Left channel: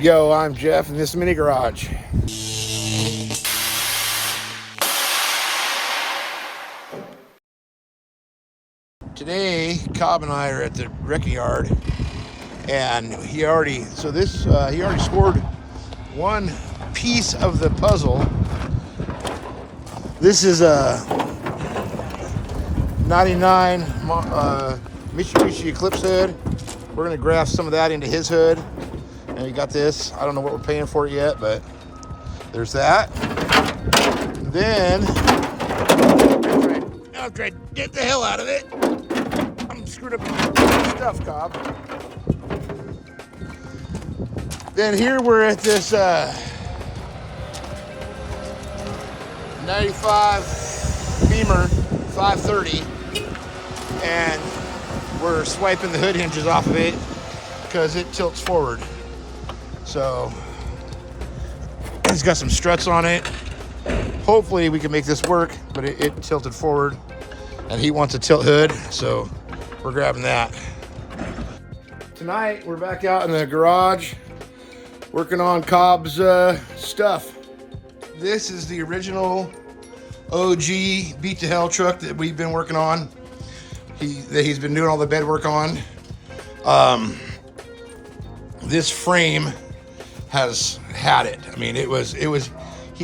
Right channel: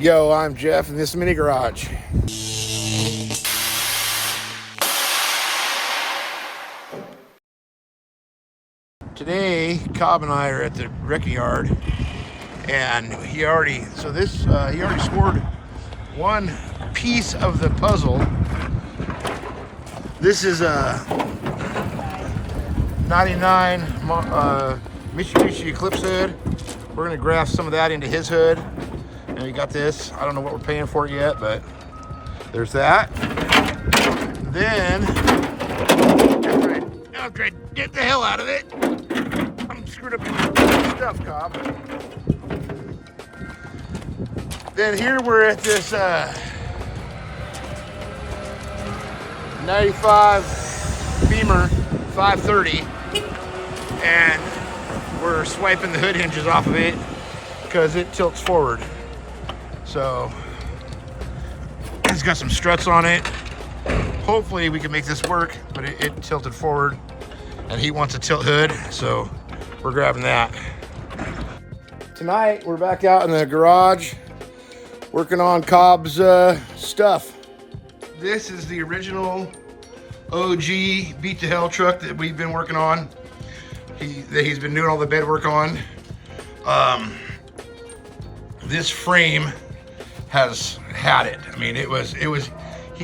Yo, I'm Jeff in this mini garage. Today, Cobb and I are at the wrecking yard, and he already scored one piece of the puzzle. This is a 99 Mitsubishi Eclipse hood. We're gonna graft some of that into his hood. And we got this. I don't know what we're paying for it yet, but there's that. Then, I'll try to get the hell out of it. I'm screwed up with stuff, Cobb. Then here we're at this 95 Beamer 530, and we're swiping the hood hinges off of it because it tilts forward. So it's got some struts on it. Hopefully we can make this work, but it tilted forward, and he wants a tilt hood, so we're grabbing that. Tonight we're back out in the garage working on Cobb's stuff. This is the original OG beat to hell truck that we've been working on. He's been doing all the bed work on. This frame has had it. I mean, he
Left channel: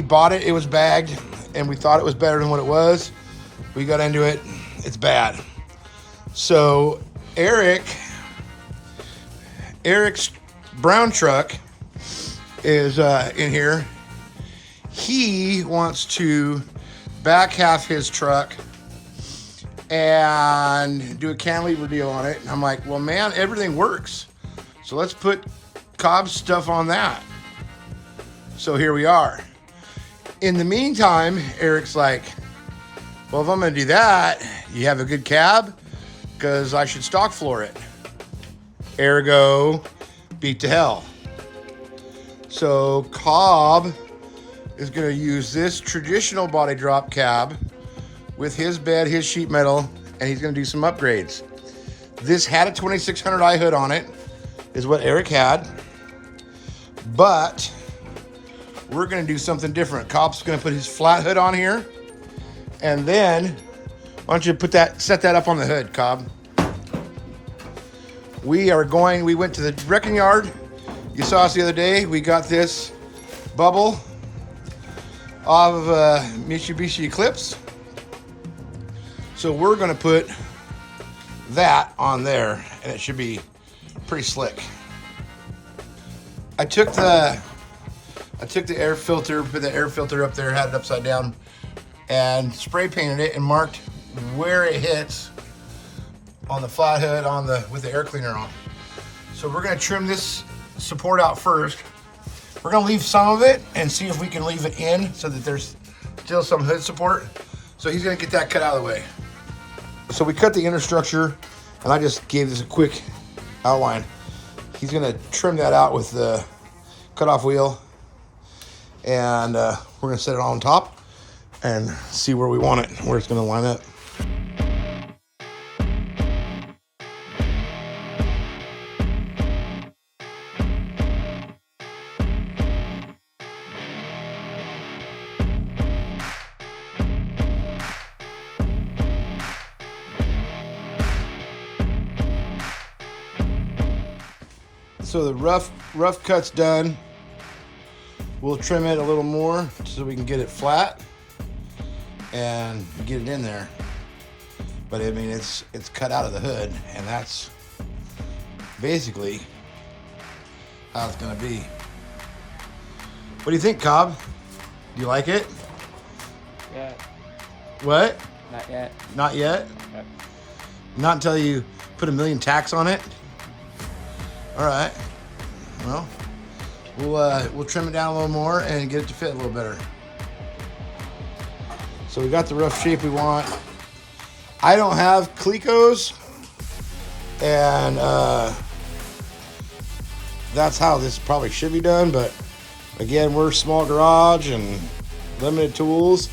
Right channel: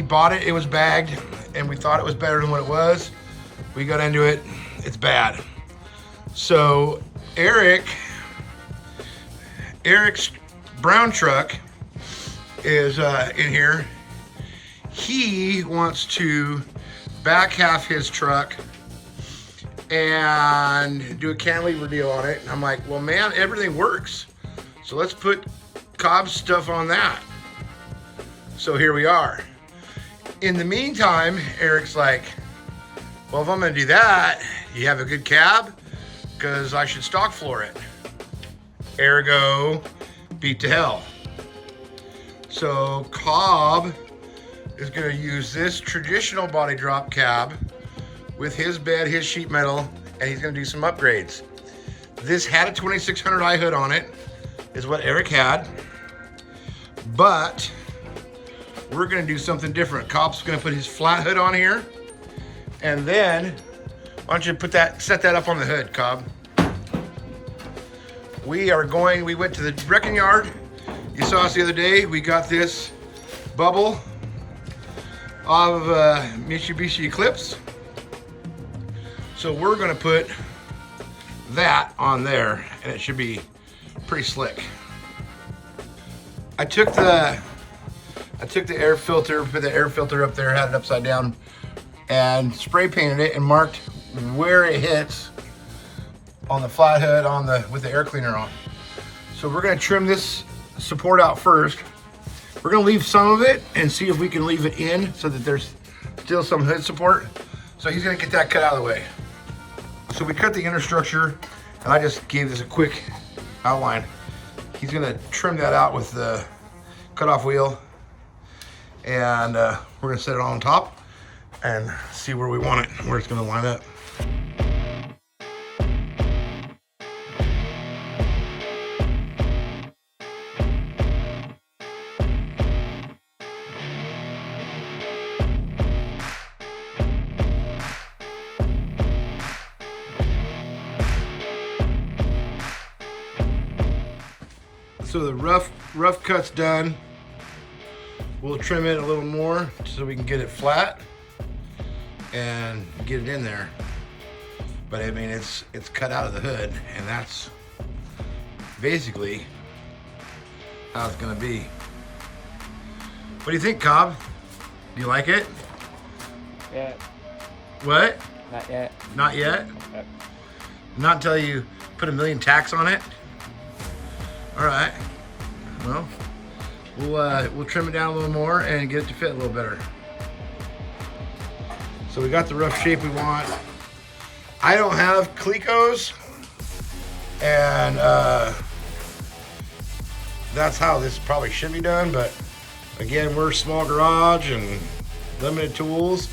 bought it, it was bagged, and we thought it was better than what it was. We got into it, it's bad. So Eric's brown truck is in here. He wants to back half his truck and do a cantilever deal on it. And I'm like, well, man, everything works. So let's put Cobb's stuff on that. So here we are. In the meantime, Eric's like, well, if I'm gonna do that, you have a good cab? Because I should stock floor it. Ergo, beat to hell. So Cobb is gonna use this traditional body drop cab with his bed, his sheet metal, and he's gonna do some upgrades. This had a 2600i hood on it, is what Eric had, but we're gonna do something different. Cobb's gonna put his flat hood on here, and then, why don't you set that up on the hood, Cobb? We went to the wrecking yard. You saw us the other day. We got this bubble of Mitsubishi Eclipse. So we're gonna put that on there, and it should be pretty slick. I took the air filter, put the air filter up there, had it upside down, and spray painted it and marked where it hits on the flat hood with the air cleaner on. So we're gonna trim this support out first. We're gonna leave some of it and see if we can leave it in so that there's still some hood support. So he's gonna get that cut out of the way. So we cut the inner structure, and I just gave this a quick outline. He's gonna trim that out with the cutoff wheel, and we're gonna set it on top and see where we want it, where it's gonna line up. So the rough cut's done. We'll trim it a little more so we can get it flat and get it in there. But I mean, it's cut out of the hood, and that's basically how it's gonna be. What do you think, Cobb? Do you like it? Yeah. What? Not yet. Not yet? Yep. Not until you put a million tacks on it? All right, well, we'll trim it down a little more and get it to fit a little better. So we got the rough shape we want. I don't have Clecos, and that's how this probably should be done, but again, we're a small garage and limited tools,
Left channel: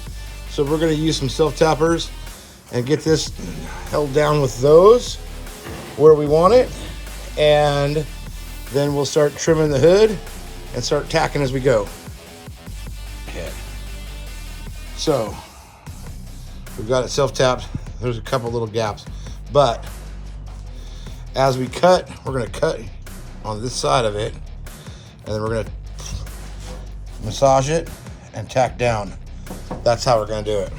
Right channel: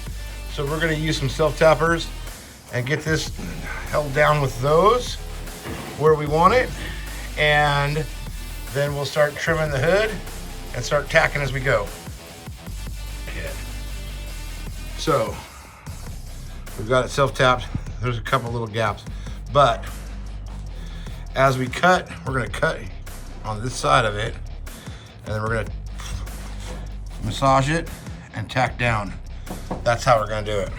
so we're gonna use some self-tappers and get this held down with those where we want it, and then we'll start trimming the hood and start tacking as we go. Okay. So we've got it self-tapped. There's a couple little gaps, but as we cut, we're gonna cut on this side of it, and then we're gonna massage it and tack down. That's how we're gonna do it.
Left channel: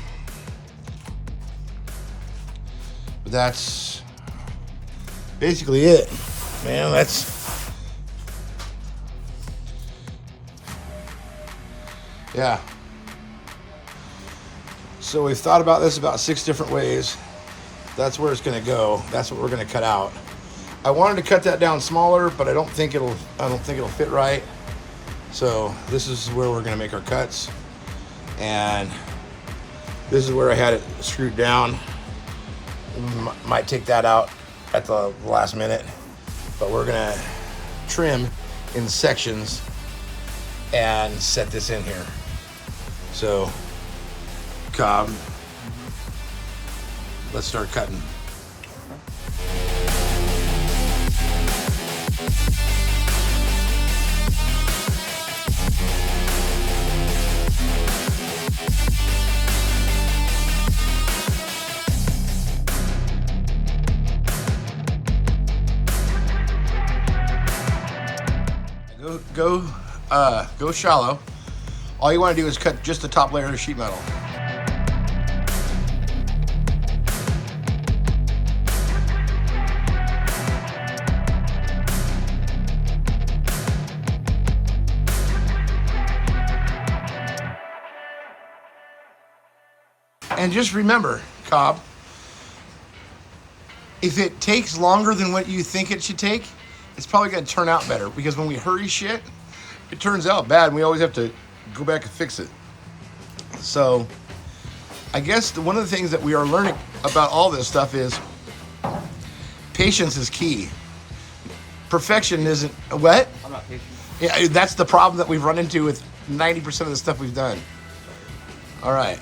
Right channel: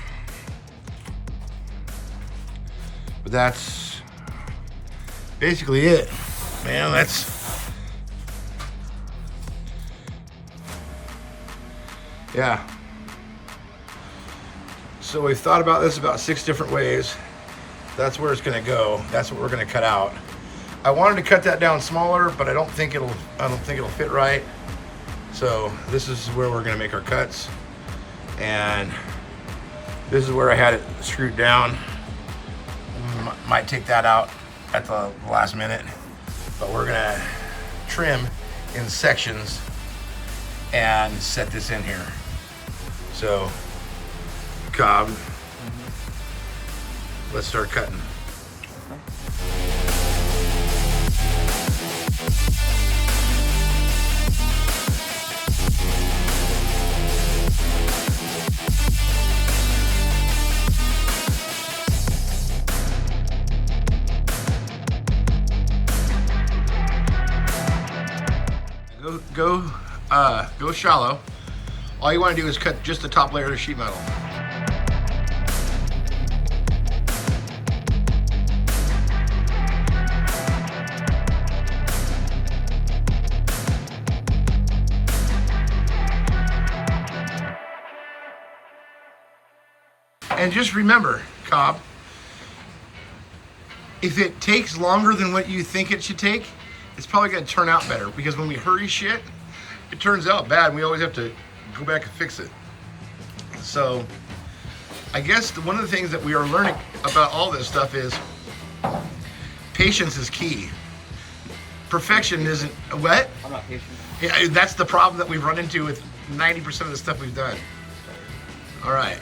But that's basically it, man. Yeah. So we've thought about this about 6 different ways. That's where it's gonna go. That's what we're gonna cut out. I wanted to cut that down smaller, but I don't think it'll fit right. So this is where we're gonna make our cuts. And this is where I had it screwed down. Might take that out at the last minute, but we're gonna trim in sections and set this in here. So, Cobb, let's start cutting. Go shallow. All you want to do is cut just the top layer of sheet metal. And just remember, Cobb, if it takes longer than what you think it should take, it's probably going to turn out better, because when we hurry shit, it turns out bad and we always have to go back and fix it. So I guess one of the things that we are learning about all this stuff is patience is key. Perfection isn't. What? I'm not patient. Yeah, that's the problem that we've run into with 90% of the stuff we've done. All right.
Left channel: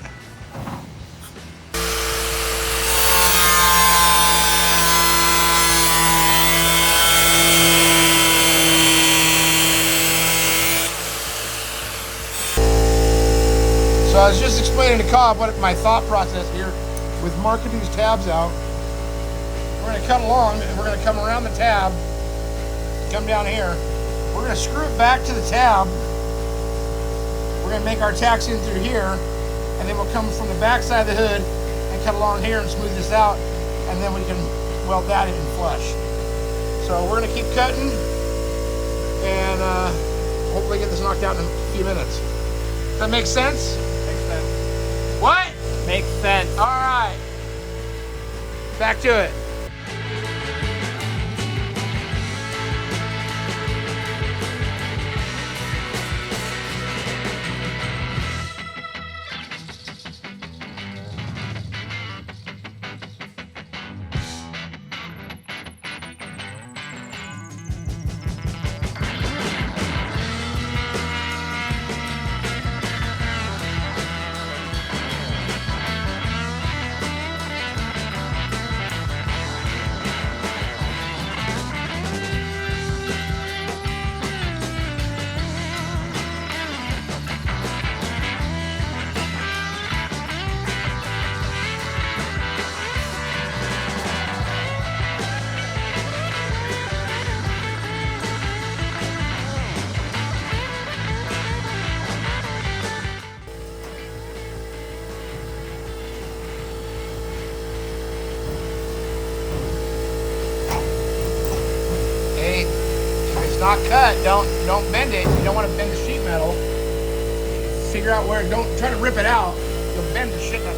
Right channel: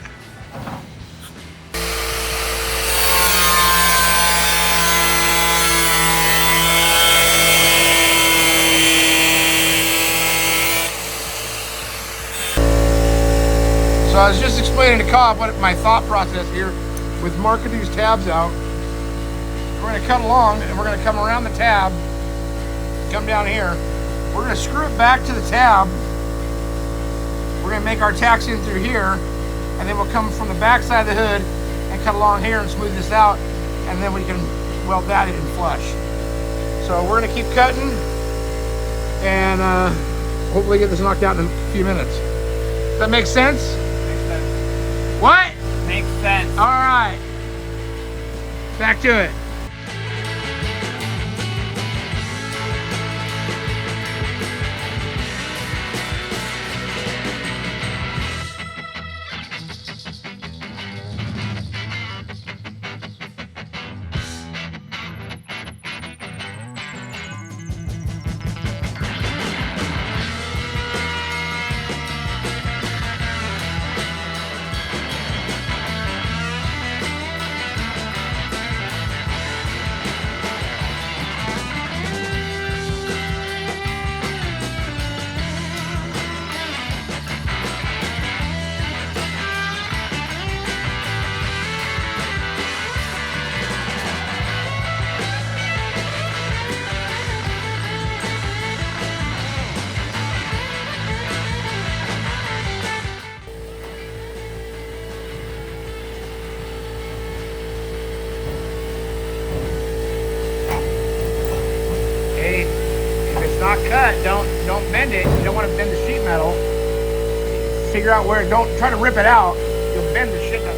So I was just explaining to Cobb what my thought process here with marking these tabs out. We're going to cut along and we're going to come around the tab, come down here. We're going to screw it back to the tab. We're going to make our tacks in through here, and then we'll come from the back side of the hood and cut along here and smooth this out, and then we can weld that in flush. So we're going to keep cutting and hopefully get this knocked out in a few minutes. Does that make sense? What? Makes sense. All right. Back to it. Not cut, don't bend it. You don't want to bend the sheet metal. Figure out where, don't try to rip it out. You'll bend the shit up.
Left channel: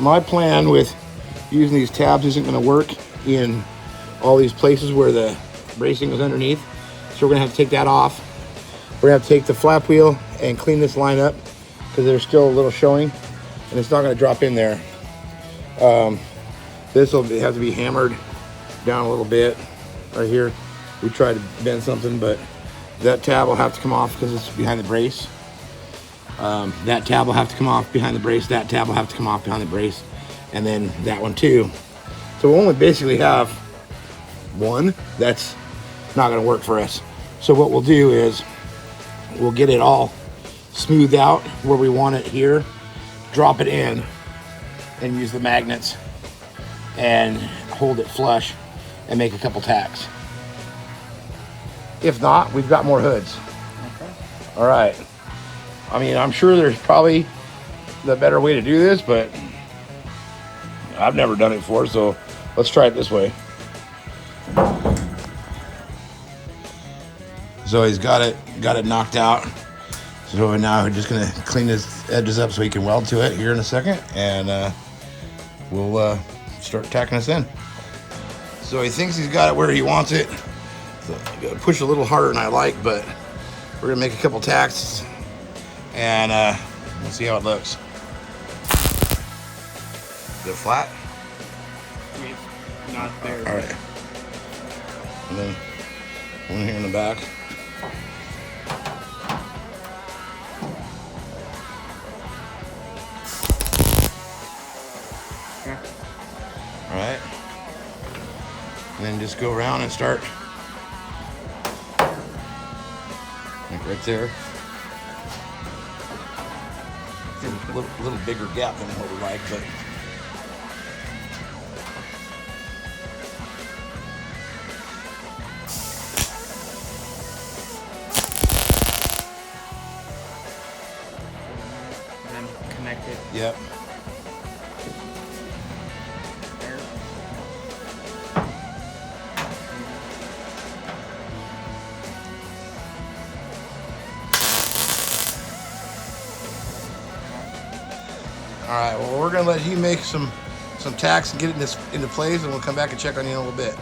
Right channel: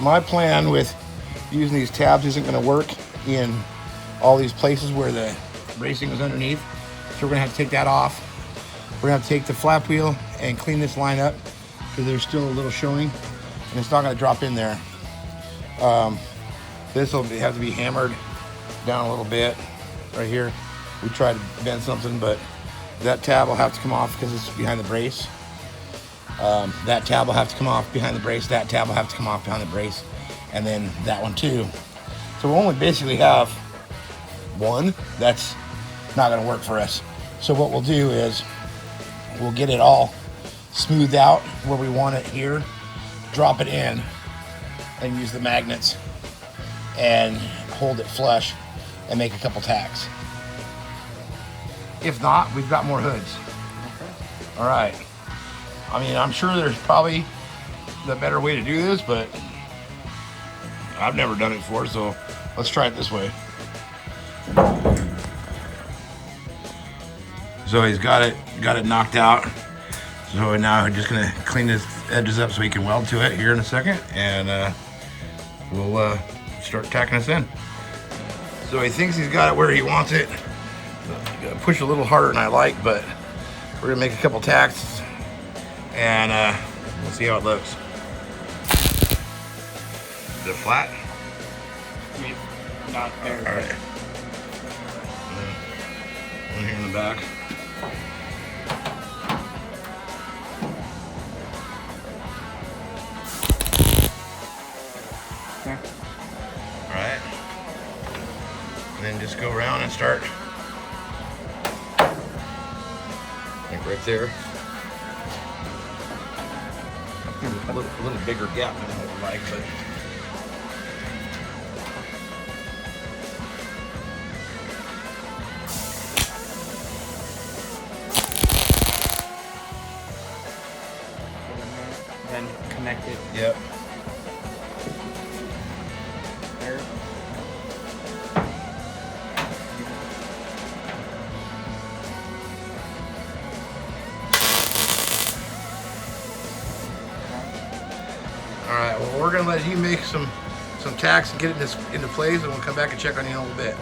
my plan with using these tabs isn't going to work in all these places where the bracing is underneath. So we're going to have to take that off. We're going to have to take the flap wheel and clean this line up because there's still a little showing and it's not going to drop in there. This will have to be hammered down a little bit right here. We tried to bend something, but that tab will have to come off because it's behind the brace. That tab will have to come off behind the brace. That tab will have to come off behind the brace. And then that one too. So we'll only basically have one. That's not gonna work for us. So what we'll do is we'll get it all smoothed out where we want it here, drop it in, and use the magnets and hold it flush and make a couple tacks. If not, we've got more hoods. Okay. All right. I mean, I'm sure there's probably the better way to do this, but I've never done it before, so let's try it this way. So he's got it knocked out. So now we're just gonna clean his edges up so he can weld to it here in a second, and we'll start tacking this in. So he thinks he's got it where he wants it. So I'm gonna push a little harder than I like, but we're gonna make a couple tacks, and we'll see how it looks. Is it flat? It's not there. All right. And then one here in the back. Alright. And then just go around and start. Like right there. A little bigger gap than I would like, but. Then connect it. Yep. There. All right, well, we're gonna let you make some tacks and get it into place, and we'll come back and check on you in a little bit.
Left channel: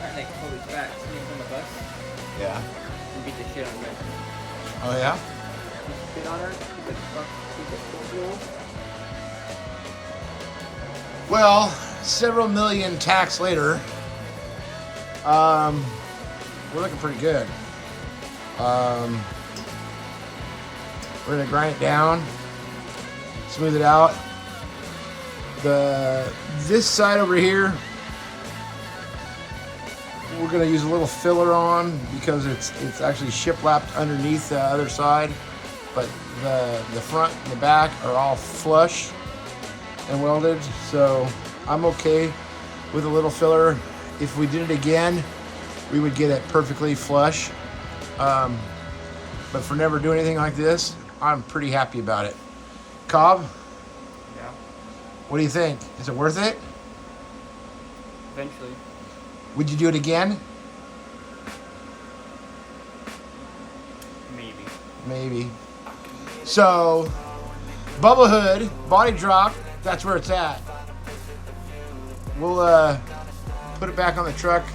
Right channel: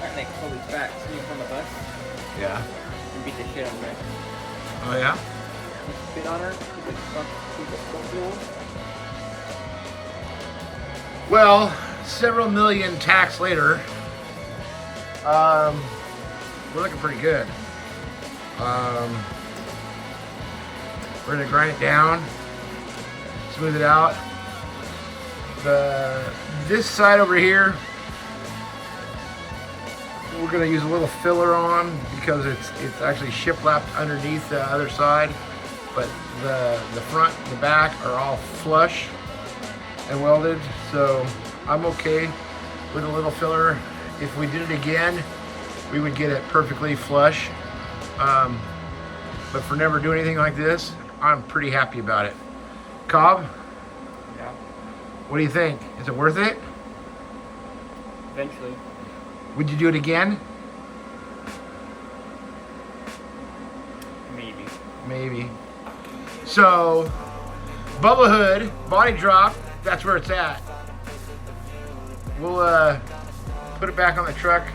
That like Kobe's back, sneaking from the bus Yeah. and beat the shit out of her. Oh yeah? He spit on her, he's like, fuck, she's a fool. Well, several million tacks later, we're looking pretty good. We're gonna grind it down, smooth it out. This side over here, we're gonna use a little filler on because it's actually shiplapped underneath the other side, but the front and the back are all flush and welded, so I'm okay with a little filler. If we did it again, we would get it perfectly flush. But for never doing anything like this, I'm pretty happy about it. Cobb? Yeah. What do you think? Is it worth it? Eventually. Would you do it again? Maybe. Maybe. So, bubble hood, body drop, that's where it's at. We'll put it back on the truck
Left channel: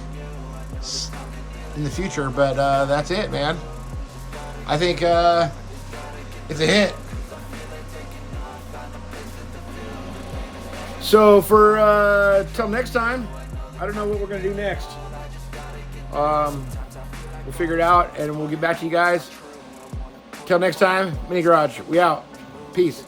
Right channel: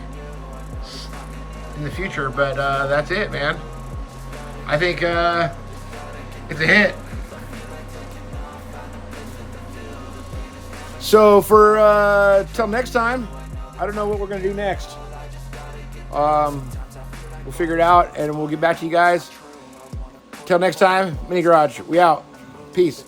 in the future, but that's it, man. I think it's a hit. So for till next time, I don't know what we're gonna do next. We'll figure it out and we'll get back to you guys. Till next time, Mini Garage, we out. Peace.